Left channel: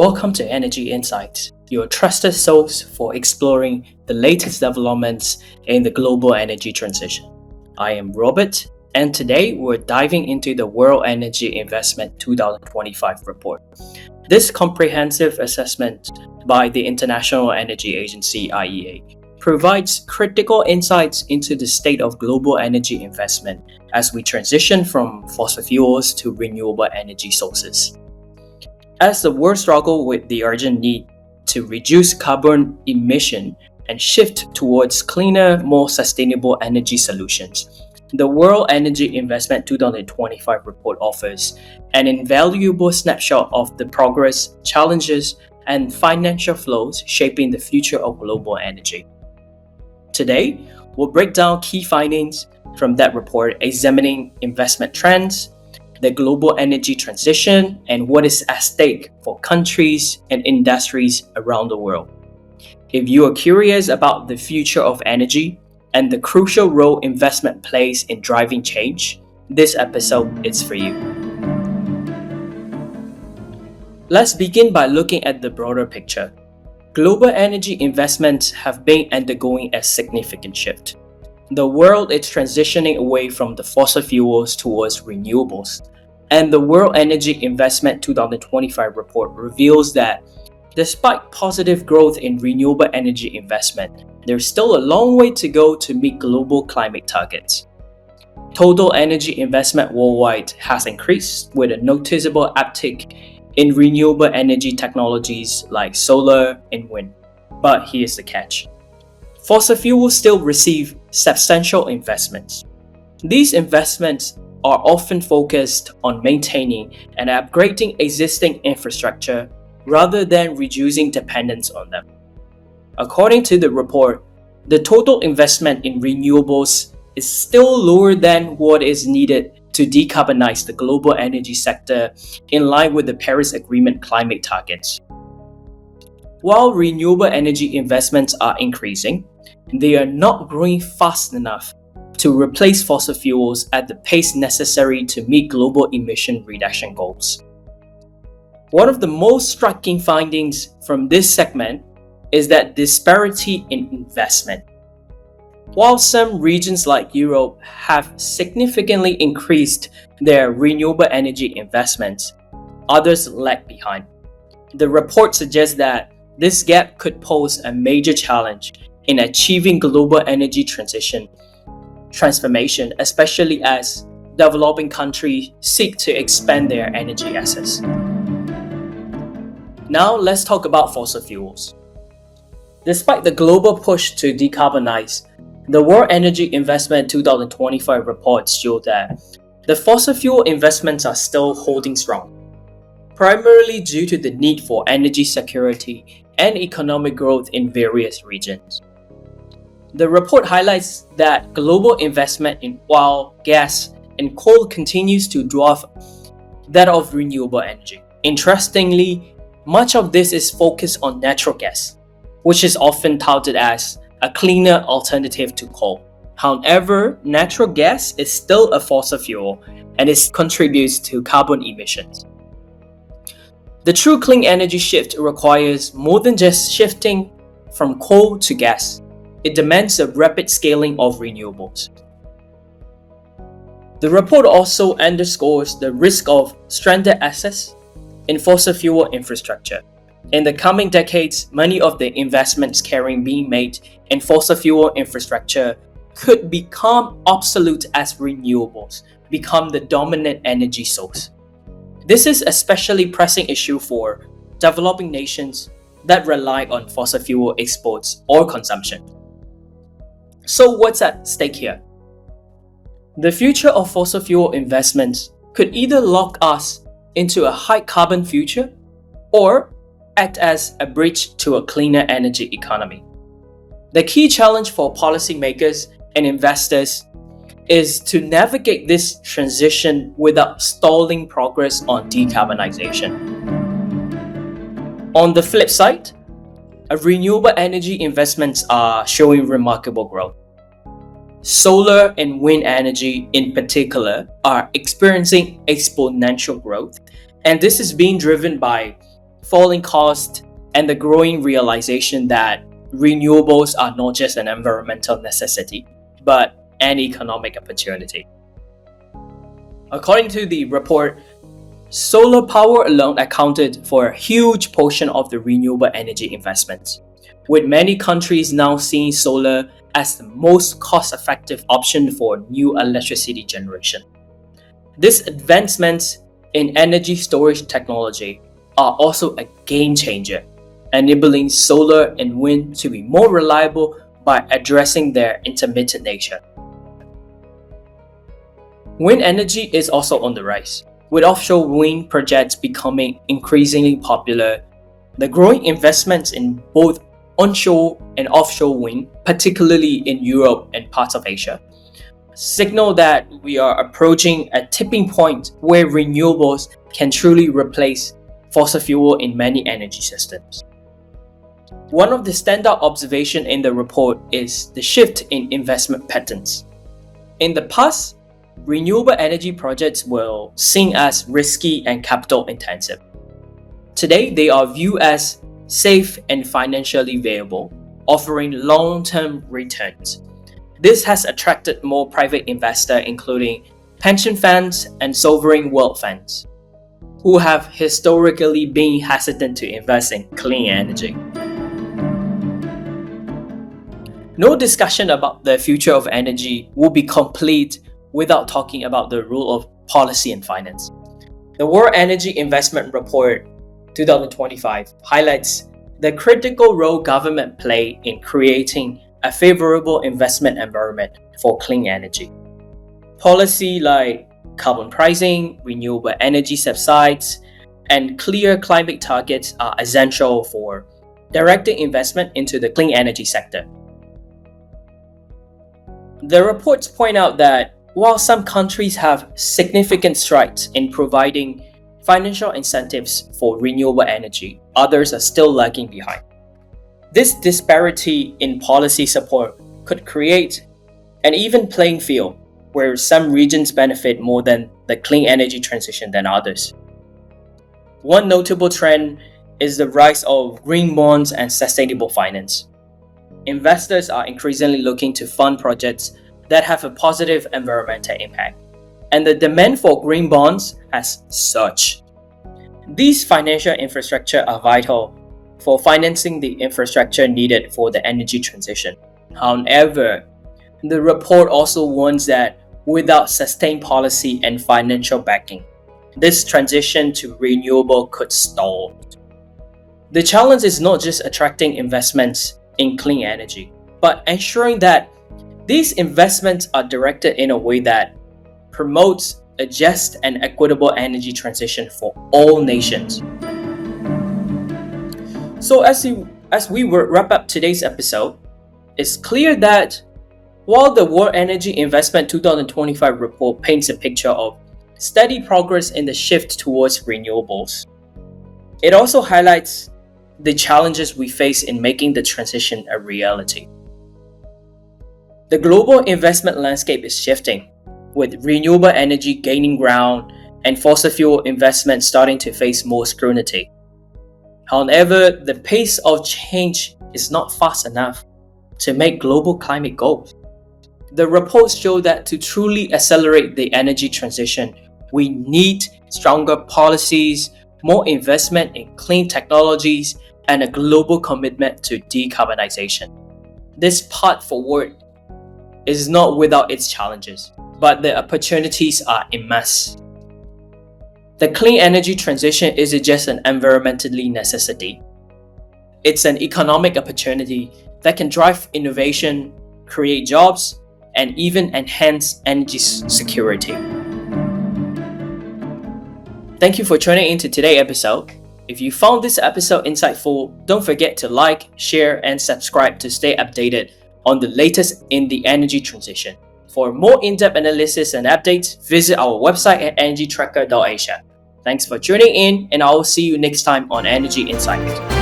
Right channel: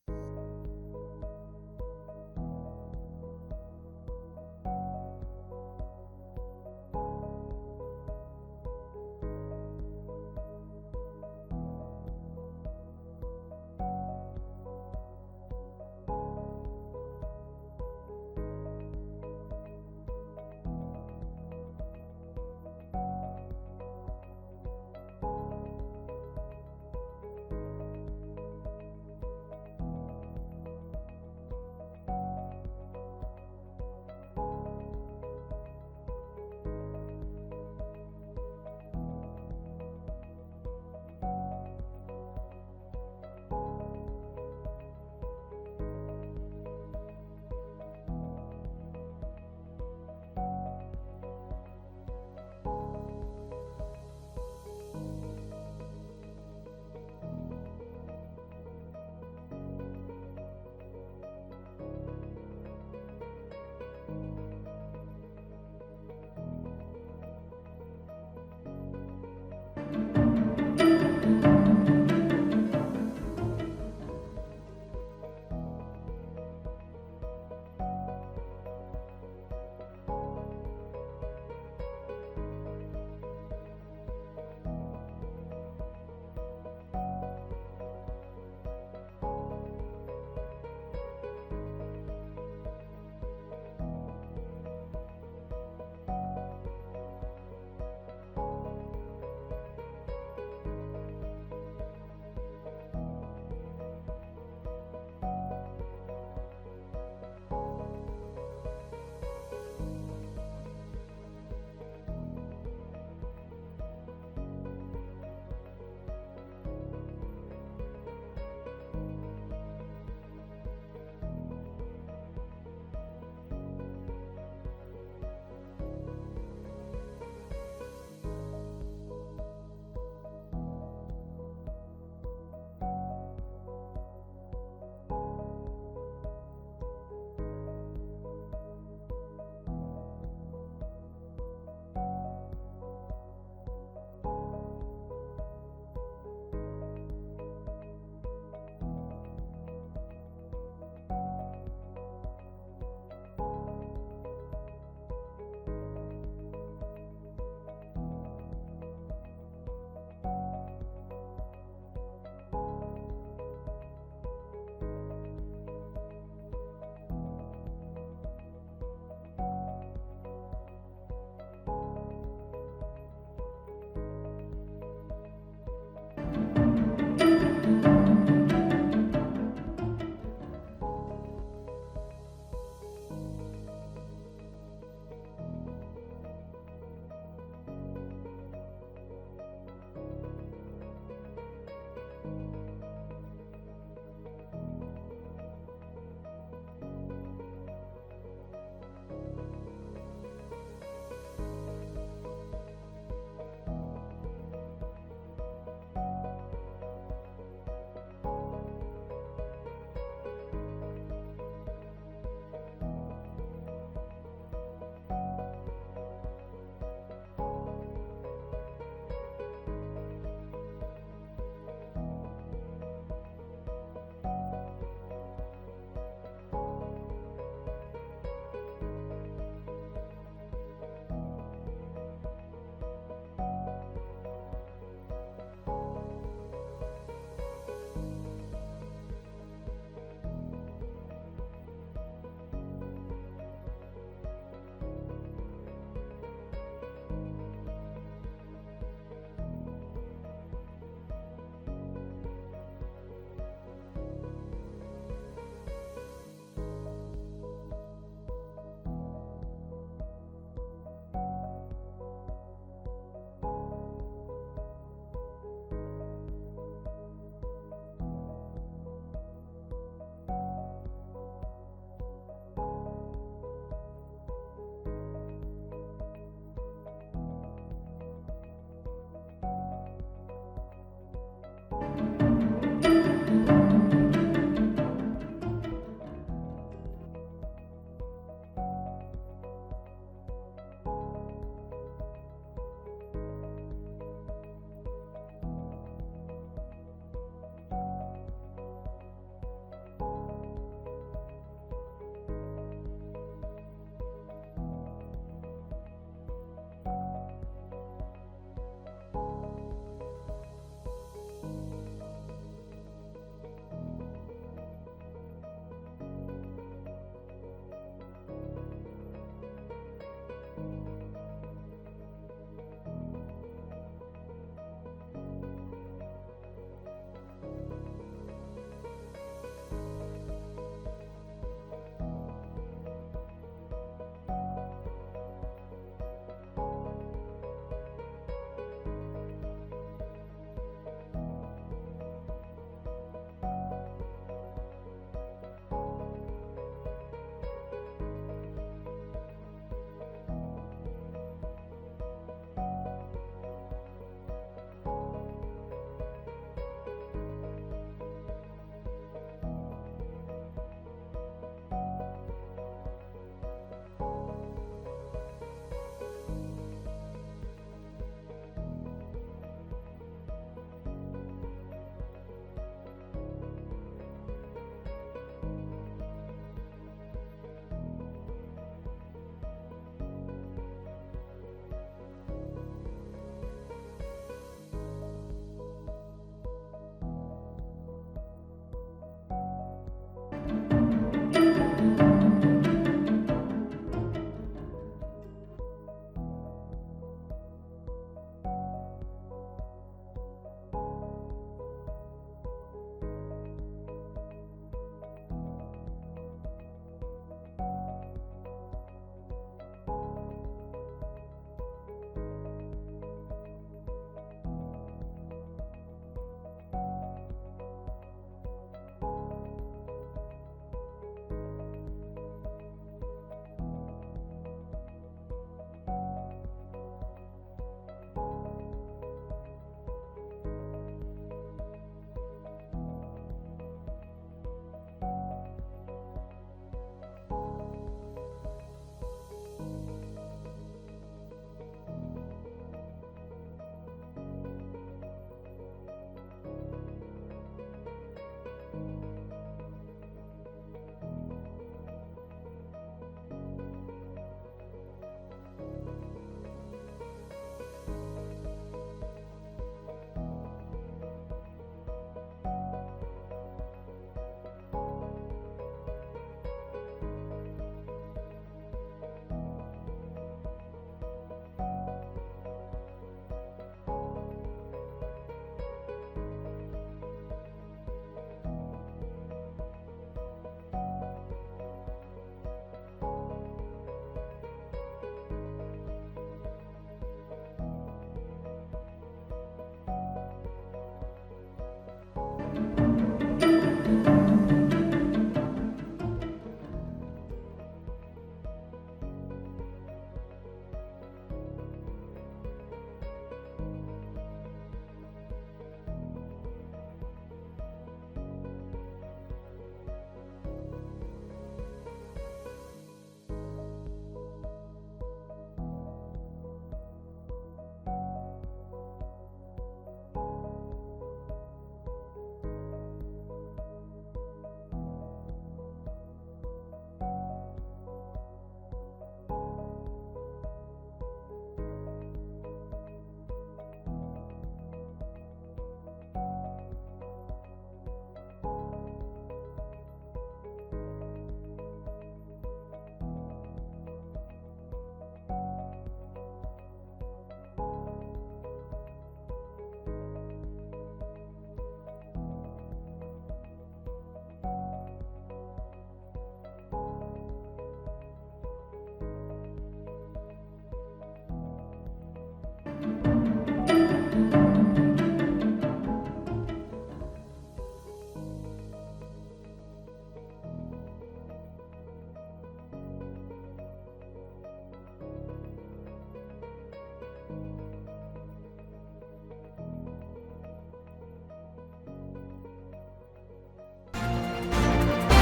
Welcome to Energy Insights, your trusted source for exploring the latest developments in the global energy transition. I am Robert, and today we're diving into the World Energy Investment 2025 report. This comprehensive assessment by the International Energy Agency (IEA) provides critical insights into the state of global energy investment as we transition from fossil fuels to renewable energy sources. As the world struggles with the urgent need to reduce carbon emission and shift towards cleaner, more sustainable energy solutions, the World Energy Investment 2025 report offers an invaluable snapshot of the progress, challenges, and financial flows shaping the future of global energy. Today, we'll break down key findings from that report, examining investment trends, the global energy transition, and what is at stake for countries and industries around the world. If you are curious about the future of energy and the crucial role investment plays in driving change, this episode is for you. Let's begin by looking at the broader picture. Global energy investments have been undergoing a significant shift. The world is transitioning away from the fossil fuels towards renewables, and the World Energy Investment 2025 report reveals that despite positive growth in renewable energy investment, there's still a long way to go to meet global climate targets. Total energy investment worldwide has increased with a noticeable uptick in renewable energy technologies like solar and wind. But here's the catch. Fossil fuels still receive substantial investments. These investments are often focused on maintaining and upgrading existing infrastructure rather than reducing dependence on them. According to the report, the total investment in renewables is still lower than what is needed to decarbonize the global energy sector in line with the Paris Agreement climate targets. While renewable energy investments are increasing, they are not growing fast enough to replace fossil fuels at the pace necessary to meet global emission reduction goals. One of the most striking findings from this segment is that disparity in investment. While some regions like Europe have significantly increased their renewable energy investments, others lag behind. The report suggests that this gap could pose a major challenge in achieving global energy transformation, especially as developing countries seek to expand their energy assets. Now let's talk about fossil fuels. Despite the global push to decarbonize, the World Energy Investment 2025 reports show that the fossil fuel investments are still holding strong, primarily due to the need for energy security and economic growth in various regions. The report highlights that global investment in oil, gas, and coal continues to dwarf that of renewable energy. Interestingly, much of this is focused on natural gas, which is often touted as a cleaner alternative to coal. However, natural gas is still a fossil fuel and it contributes to carbon emissions. The true clean energy shift requires more than just shifting from coal to gas. It demands a rapid scaling of renewables. The report also underscores the risk of stranded assets in fossil fuel infrastructure. In the coming decades, many of the investments being made in fossil fuel infrastructure could become obsolete as renewables become the dominant energy source. This is especially pressing issue for developing nations that rely on fossil fuel exports or consumption. So what's at stake here? The future of fossil fuel investments could either lock us into a high carbon future or act as a bridge to a cleaner energy economy. The key challenge for policymakers and investors is to navigate this transition without stalling progress on decarbonization. On the flip side, renewable energy investments are showing remarkable growth. Solar and wind energy in particular are experiencing exponential growth, and this is being driven by falling costs, and the growing realization that renewables are not just an environmental necessity, but an economic opportunity. According to the report, solar power alone accounted for a huge portion of the renewable energy investments, with many countries now seeing solar as the most cost-effective option for new electricity generation. These advancements in energy storage technology are also a game changer, enabling solar and wind to be more reliable by addressing their intermittent nature. Wind energy is also on the rise, with offshore wind projects becoming increasingly popular. The growing investments in both onshore and offshore wind, particularly in Europe and parts of Asia, signal that we are approaching a tipping point where renewables can truly replace fossil fuel in many energy systems. One of the standout observations in the report is the shift in investment patterns. In the past, renewable energy projects were seen as risky and capital intensive. Today, they are viewed as safe and financially viable, offering long-term returns. This has attracted more private investors, including pension funds and sovereign wealth funds, who have historically been hesitant to invest in clean energy. No discussion about the future of energy will be complete without talking about the role of policy and finance. The World Energy Investment Report 2025 highlights the critical role government play in creating a favorable investment environment for clean energy. Policy like carbon pricing, renewable energy subsidies, and clear climate targets are essential for directing investment into the clean energy sector. The reports point out that while some countries have significant strides in providing financial incentives for renewable energy, others are still lagging behind. This disparity in policy support could create an even playing field where some regions benefit more than the clean energy transition than others. One notable trend is the rise of green bonds and sustainable finance. Investors are increasingly looking to fund projects that have a positive environmental impact, and the demand for green bonds has surged. These financial infrastructure are vital for financing the infrastructure needed for the energy transition. However, the report also warns that without sustained policy and financial backing, this transition to renewable could stall. The challenge is not just attracting investments in clean energy, but ensuring that these investments are directed in a way that promotes a just and equitable energy transition for all nations. So as we wrap up today's episode, it's clear that while the World Energy Investment 2025 report paints a picture of steady progress in the shift towards renewables, it also highlights the challenges we face in making the transition a reality. The global investment landscape is shifting, with renewable energy gaining ground and fossil fuel investment starting to face more scrutiny. However, the pace of change is not fast enough to make global climate goals. The reports show that to truly accelerate the energy transition, we need stronger policies, more investment in clean technologies, and a global commitment to decarbonization. This path forward is not without its challenges, but the opportunities are immense. The clean energy transition isn't just an environmentally necessity. It's an economic opportunity that can drive innovation, create jobs, and even enhance energy security. Thank you for tuning in to today's episode. If you found this episode insightful, don't forget to like, share, and subscribe to stay updated on the latest in the energy transition. For more in-depth analysis and updates, visit our website at energytracker.asia. Thanks for tuning in, and I will see you next time on Energy Insight.